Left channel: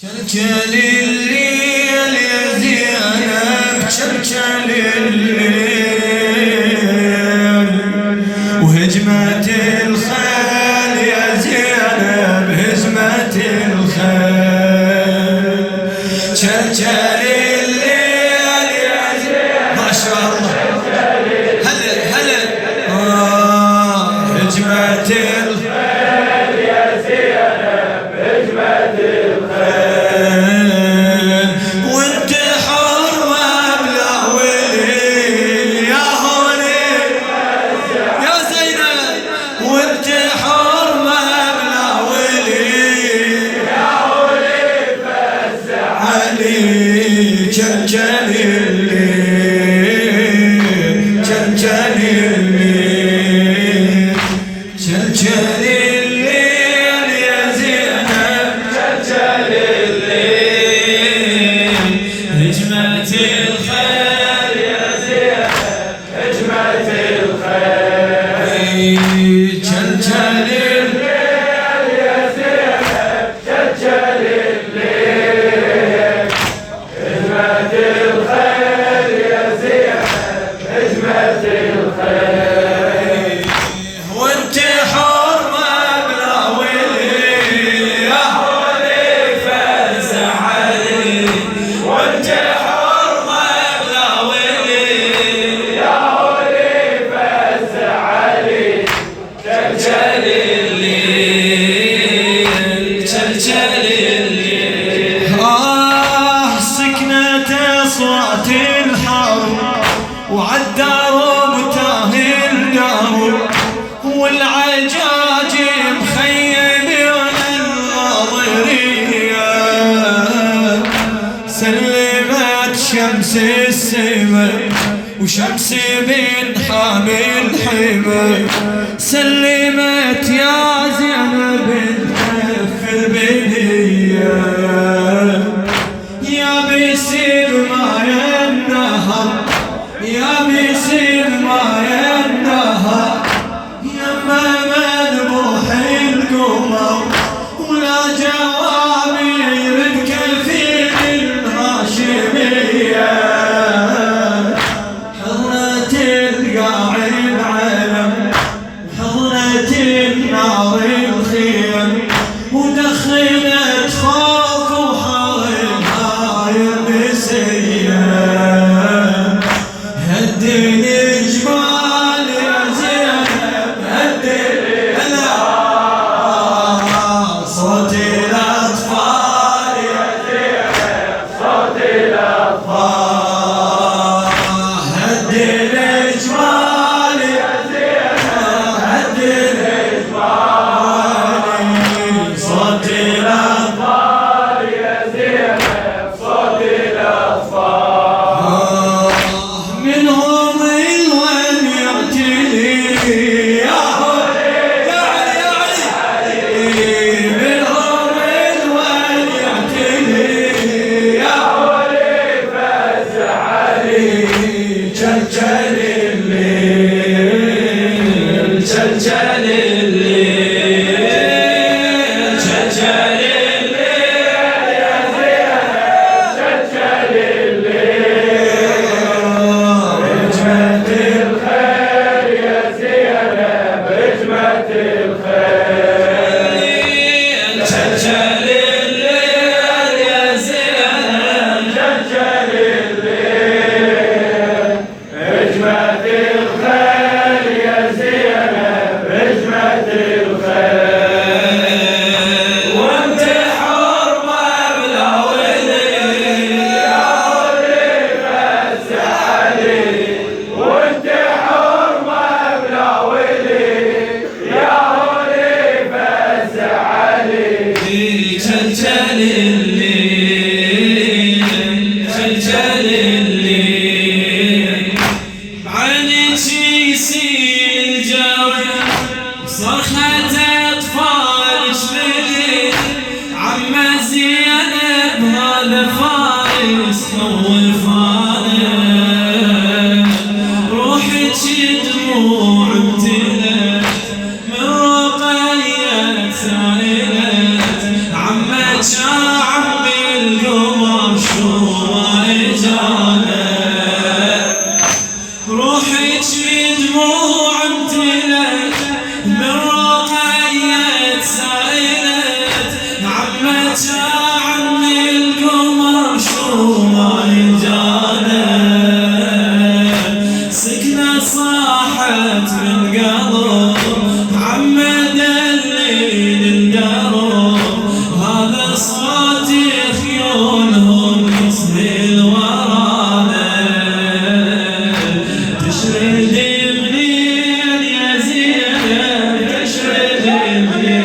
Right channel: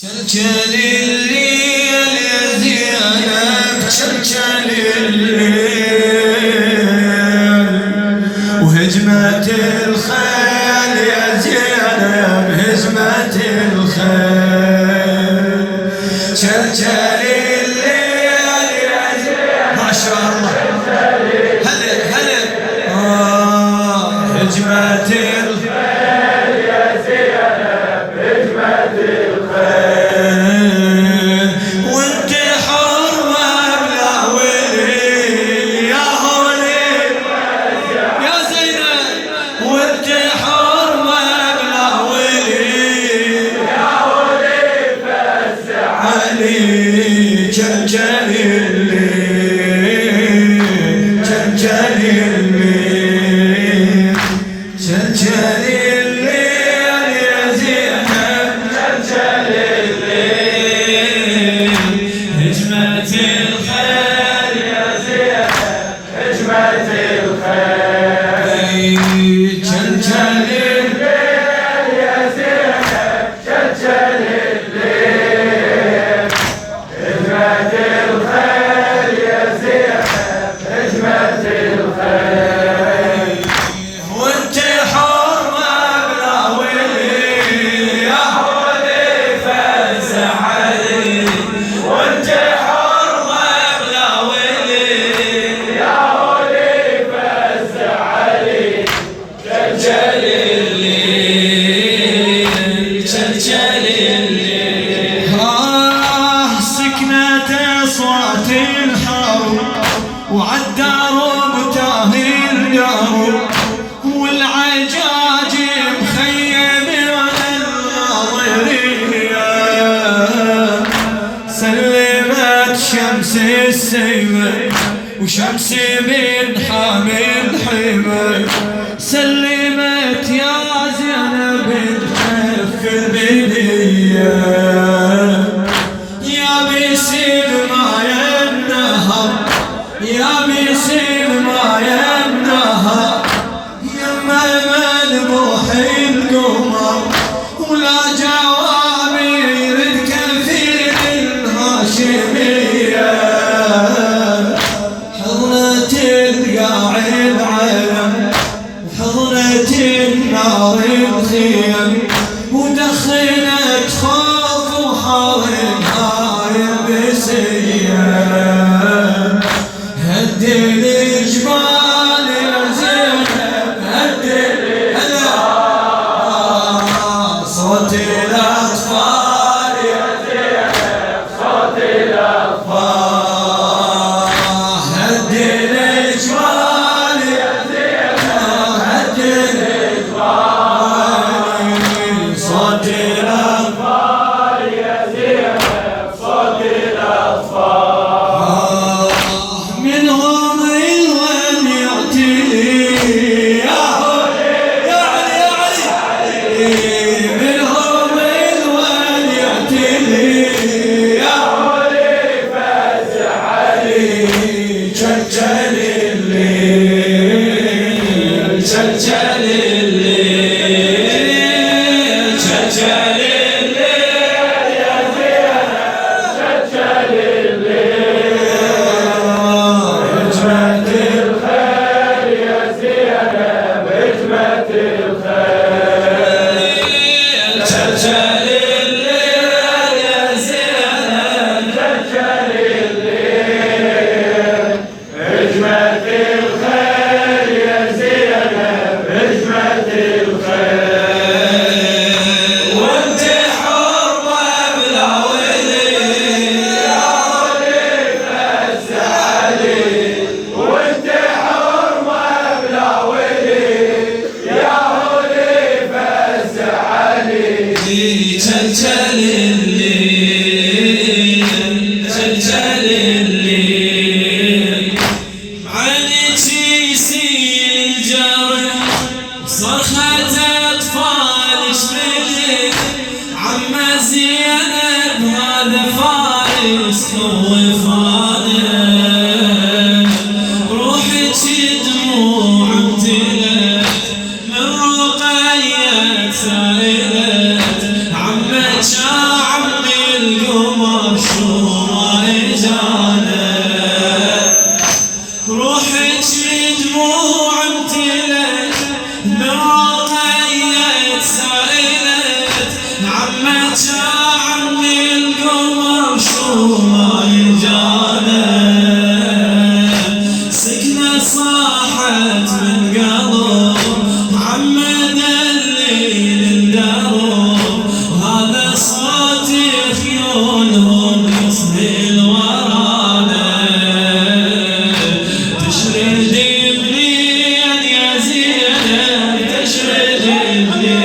كلكل الليل يا زينب كلكل الليل وهجمة الخيل يا زينب هجمة الخيل كلكل الليل يا زينب ما شاء الله هلا هجمة الخيل يا زينب هجمة الخيل وانت حرمة بلا ولي يا هولي يا زينب وانت حرمة بلا ولي يا هولي فزع علي كلكل الليل كلكل الليل كلكل الليل يا زينب كلكل الليل هجمة الخيل يا زينب هجمة الخيل كلكل الليل يا زينب كلكل الليل هجمة الخيل يا زينب هجمة الخيل وانت حرمة بلا ولي يا هولي فزع علي وانت حرمة بلا ولي يا هولي فزع علي كلكل الليل كلكل الليل سكنت اصوات الحرب وعالدرب تاهي القرب والعجاج مخيم الناظرية سلمت شمس السماء وشمس من حامي الحمى سلمت يا زينب الحف البنية يا بسيب ماي النهر يا بسيب ماي النهر يما منبوح القمر ولا جوابي يرد كالفيل الهاشمية حضرة القاع العلم حضرة النار الخيم ودخلت خوف وحاولها يلبسية هد الجبال يا زينب هد صوت الأطفال يا زينب صوت الأطفال هد الجبال يا زينب هد الجبال صوت الأطفال يا زينب صوت الأطفال منهم الون يعتلي يا هولي يا علي منهم الون يعتلي يا هولي فزع علي كلكل الليل كلكل الليل كلكل الليل يا زينب كلكل الليل هجمة الخيل يا زينب هجمة الخيل كلكل الليل يا زينب كلكل الليل هجمة الخيل يا زينب هجمة الخيل وانت حرمة بلا ولي يا هولي فزع علي وانت حرمة بلا ولي يا هولي فزع علي كلكل الليل كلكل الليل بعينك يسيل الجرح صرخة أطفالك بالليل عم زينب هذا فارس خوفانا روحك دموع امتلت من رقية سائلت عمك يا عمي عمي القمر شو ما جانا سكنة صاحت من قلب محمد الليل اندرب هذا صوت خيولهم يسهل ورانا تشرد منين يا زينب تشرد منين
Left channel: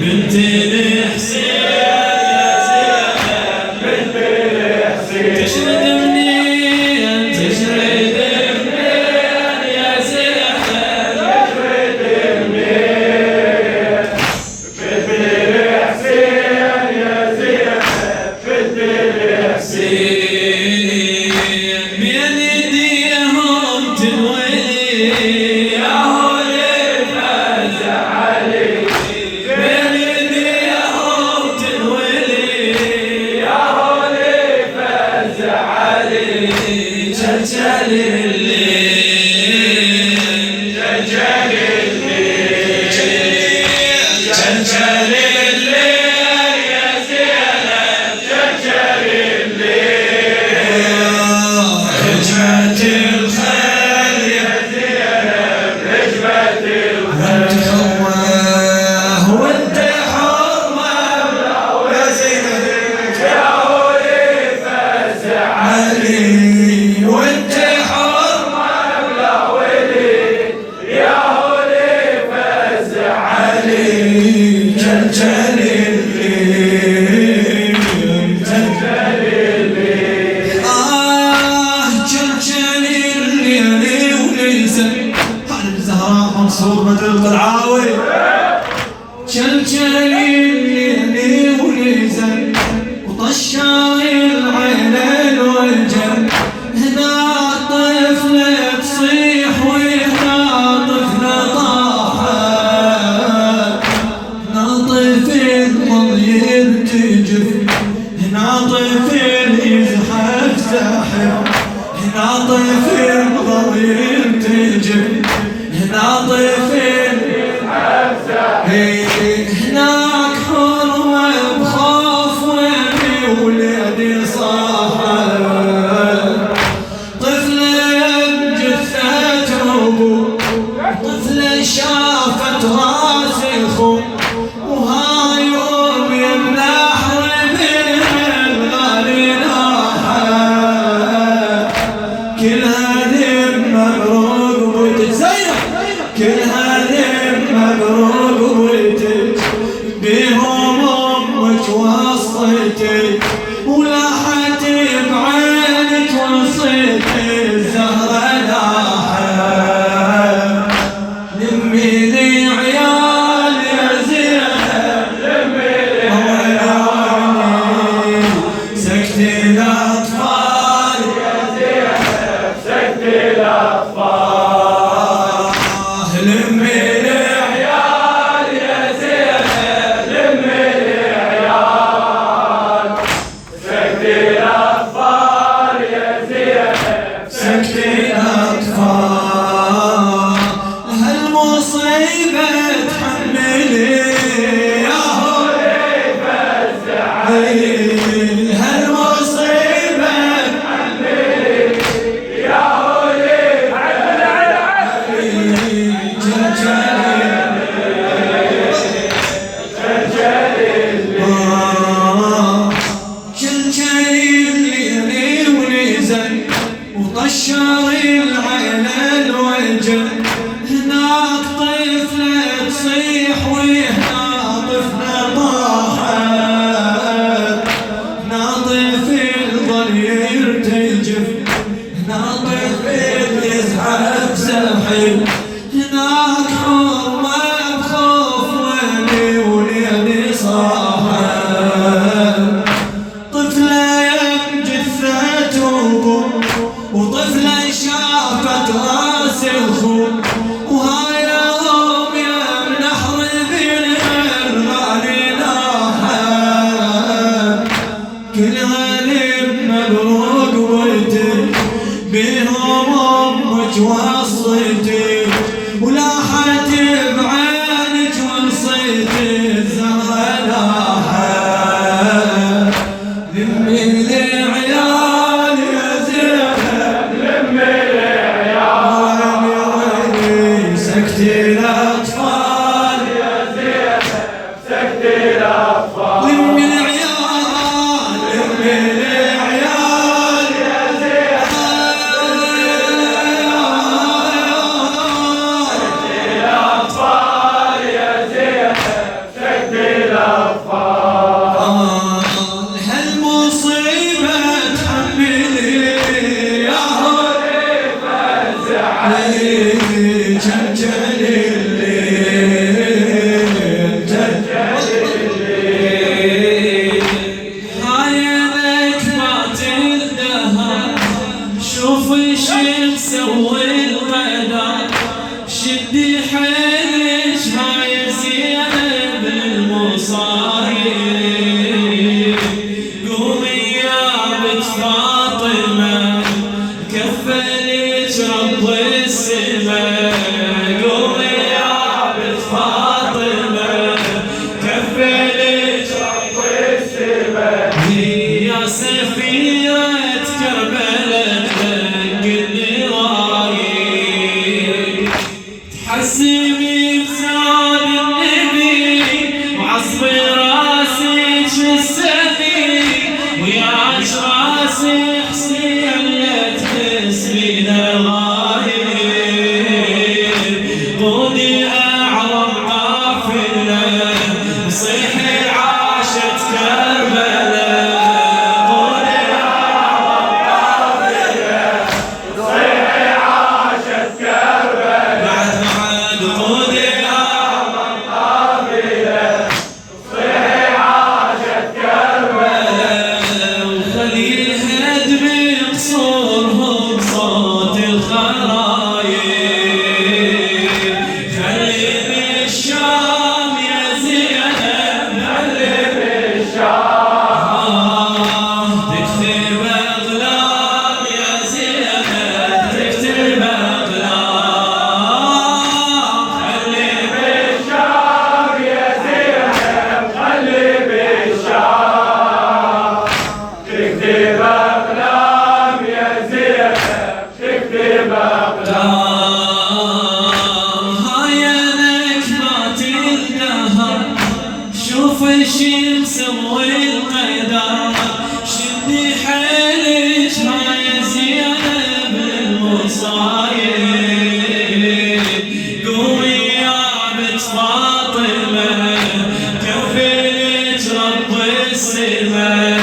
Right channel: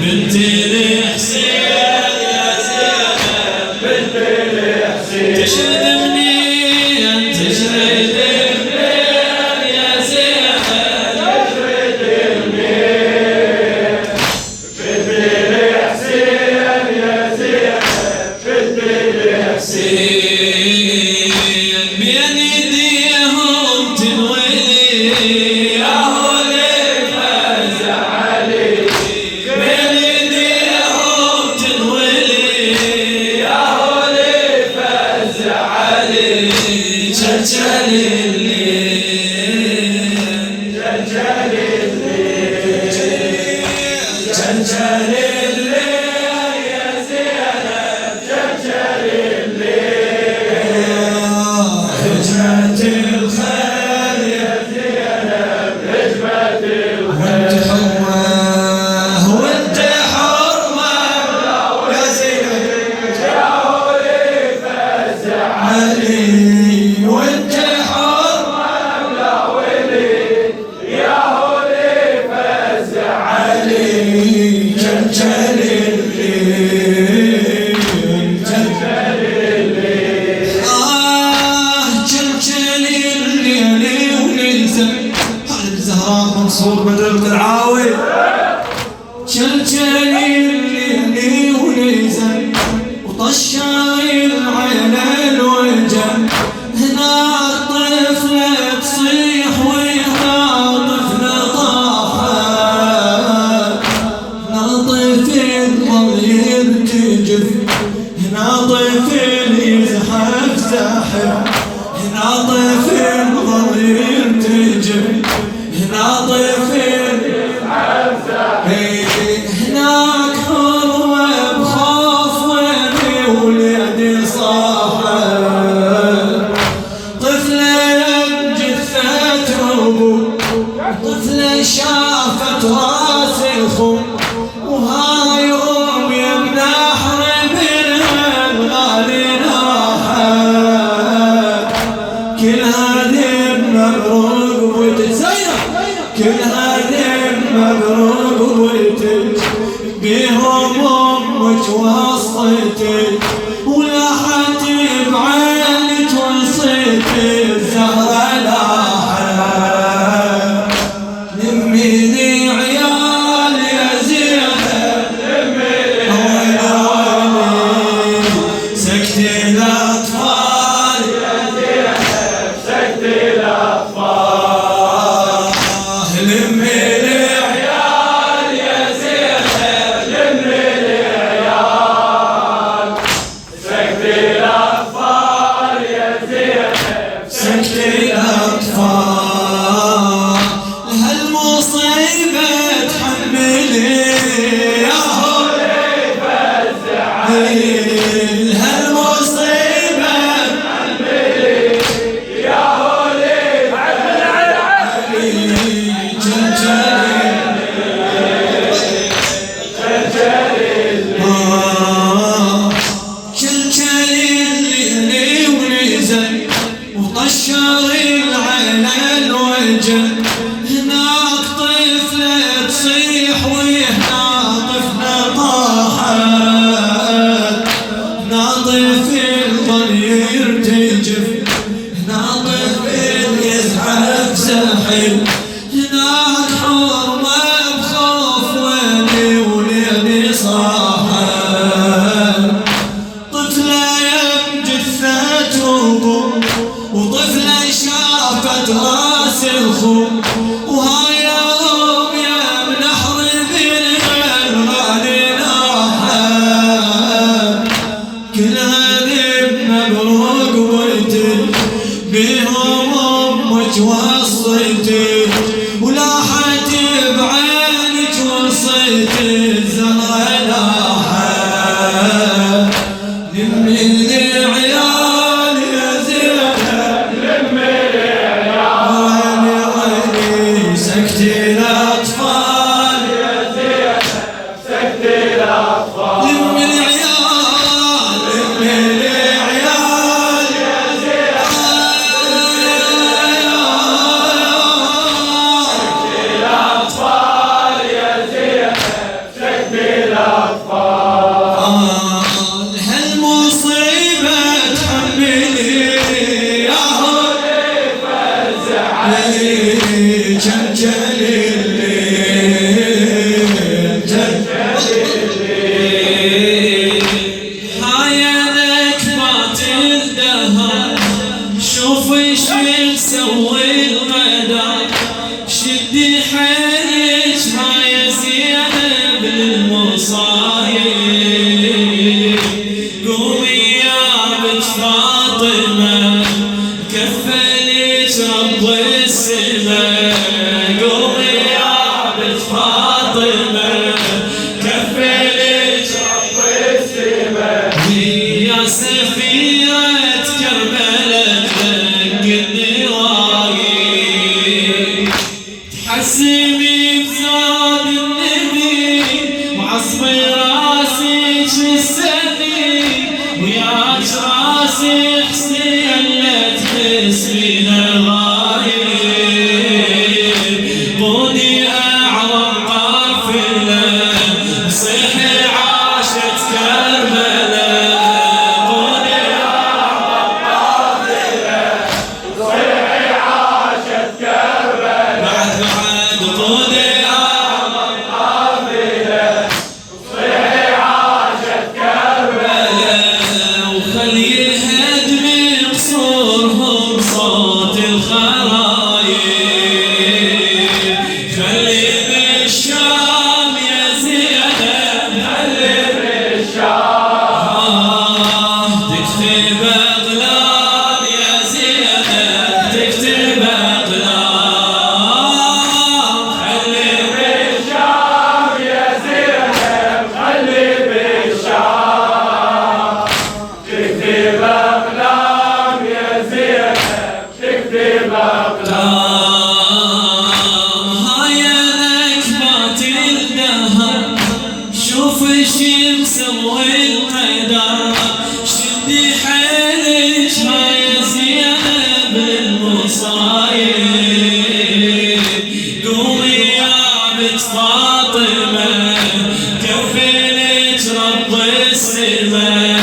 بنت الحسين يا زينب بنت الحسين تشرد منين تشرد منين يا زينب تشرد منين بنت الحسين يا زينب بنت الحسين بين ايديهم تنولي يا هولي فزع علي بين ايديهم تنولي يا هولي فزع علي جلجل الليل جلجل الليل جلجل الليل يا زينب جلجل الليل هجمة الخيل يا زينب هجمة الخيل وانت حرمة يا زينب يا هولي فزع علي وانت حرمة يا ولي يا هولي فزع علي جلجل الليل جلجل الليل جلجل الليل ونزل بعد الزهراء منصور بدر القلعاوي جلجل الليل ونزل وطشر العلل والجل هنا الطفلة تصيح وهنا طفلة طاحت هنا طفل ظل يرتجف هنا طفل يزحف زاحف هنا طفل ظل يرتجف هنا طفل يزحف زاحف هناك حرمة بخوف ويني وليدي صاحت طفلة بجثة أبو طفلة شافت راس الخم وهاي أم يمنح بالغالي ناحت كل هذه مبروك وتزينب كل هذه مبروك وتج بهم أمك وصيتك ولاحت بعينك وصيتك الزهرة لاحت لمي لي عيال يا زينب لمي لي عيال سكت الأطفال يا زينب سكت الأطفال لمي لي عيال يا زينب لمي لي عيال سكت الأطفال يا زينب سكت الأطفال هالمصيبة تحملي يا هولي فزع علي هالمصيبة تحملي يا هولي فزع علي جلجل الليل ونزل وطشر العلل والجل هناك طفلة تصيح وهنا طفلة طاحت هنا طفل ظل يرتجف هنا طفل يزحف زحل هناك حرمة بخوف ويلي وليلي صاحت السني وياك راسي حسين لا تسبين الغايب قودي أعظم قافلة صيحي عاشت كربلاء قودي أعظم قافلة صيحي عاشت كربلاء بعد قودي أعظم قافلة صيحي عاشت كربلاء وخلي الهدم بقصورهم صوت الخرايب خلي بالشام يا زينب خلي بالشام تكتب أقلام يا زينب تكتب أقلام خلي بالشام يا زينب خلي بالشام تكتب أقلام يا زينب تكتب أقلام هاي نكبات الدهر شوف الشمس والقدر شدي حيلك هاي زينب المصايب قومي يا بنت فاطمة كفلت رب السما